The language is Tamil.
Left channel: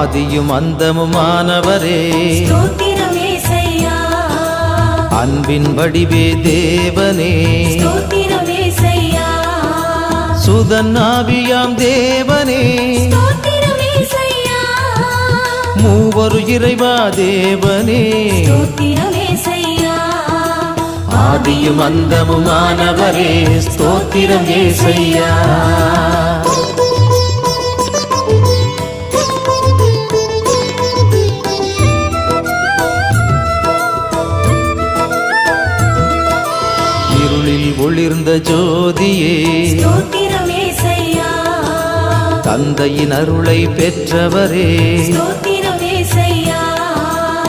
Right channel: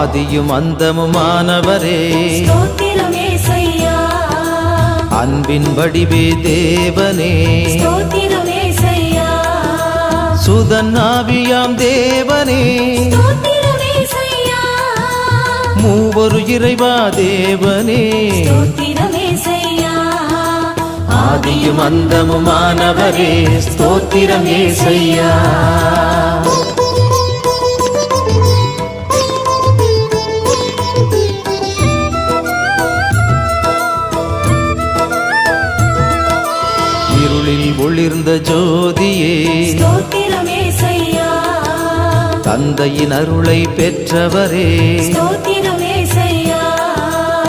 ஆதியும் அந்தமுமானவரே அன்பின் வடிவே தேவனே சுதன் ஆவியாம் தேவனே மூவரு இறைவா தேவனே ஆதியும் அந்தமுமானவரே ஸ்தோத்திரம் ஏசையா. இருளில் ஒளிர்ந்த ஜோதியே தந்தையின் அருளை பெற்றவரே